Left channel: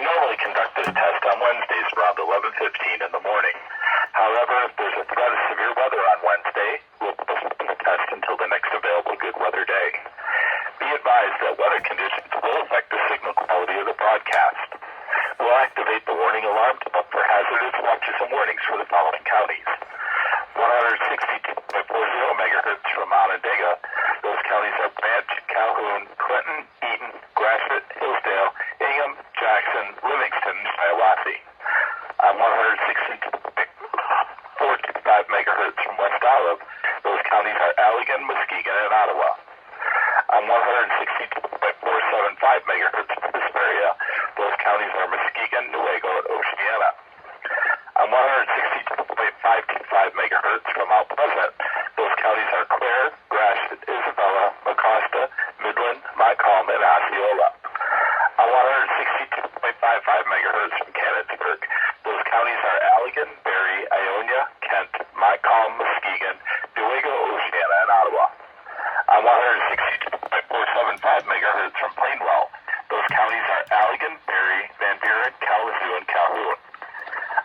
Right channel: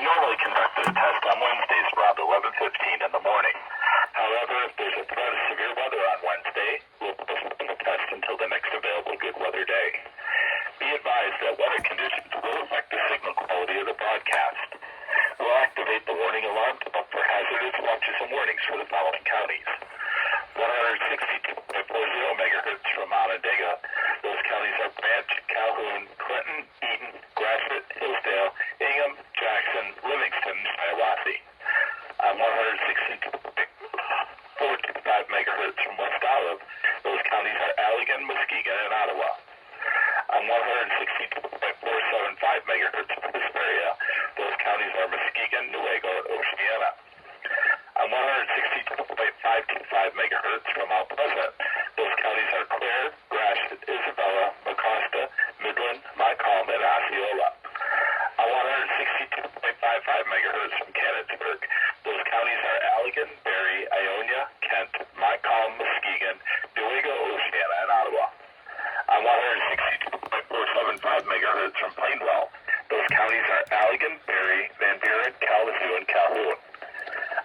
We normally conduct this test on Wednesdays around 11:15 in the morning. However, if there's a threat of severe weather on Wednesday, we'll postpone the test until the next available good weather day. Be advised that weather conditions will affect the signal quality of the broadcast. We'll activate the warning alarm to look for hazardous watches and warnings for the following counties. 162.40 megahertz from Onondaga. Those counties are Branch, Calhoun, Clinton, Eaton, Gratiot, Hillsdale, Ingham, Jackson, Livingston, and Shiawassee. On 162.425 megahertz from West Olive. Those counties are Allegan, Muskegon, and Ottawa. On 162.475 megahertz from Hesperia. Those counties are Muskegon, Newaygo, and Oceana. On 162.525 megahertz from Mount Pleasant. Those counties are Clare, Gratiot, Isabella, Mecosta, Midland, Montcalm, and Osceola. On 162.55 megahertz from Canonsburg. Those counties are Allegan, Barrie, Ionia, Kent, Montcalm, Muskegon, Newaygo, Oceana, and Ottawa. On 162.475 megahertz from Plainwell. Those counties are Allegan, Barrie, Van Buren, Kalamazoo, and Calhoun.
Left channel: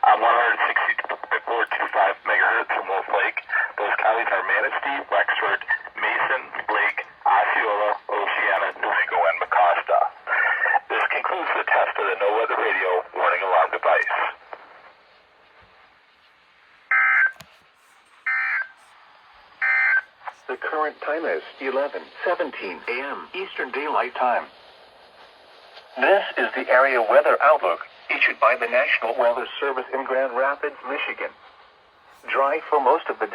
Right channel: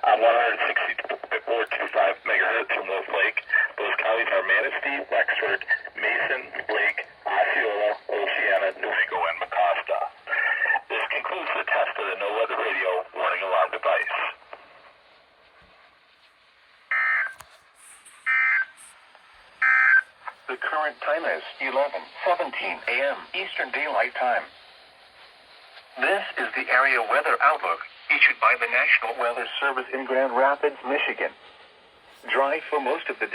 On 162.425 megahertz from Wolf Lake. Those counties are Manistee, Wexford, Mason, Lake, Osceola, Oceana, Newaygo, and Mecosta. This concludes the test of the No Weather Radio warning alarm device. The current time is 11:17 a.m. Eastern Daylight Time. This is the area weather outlook issued by the National Weather Service in Grand Rapids, Michigan. Dry for most of the day.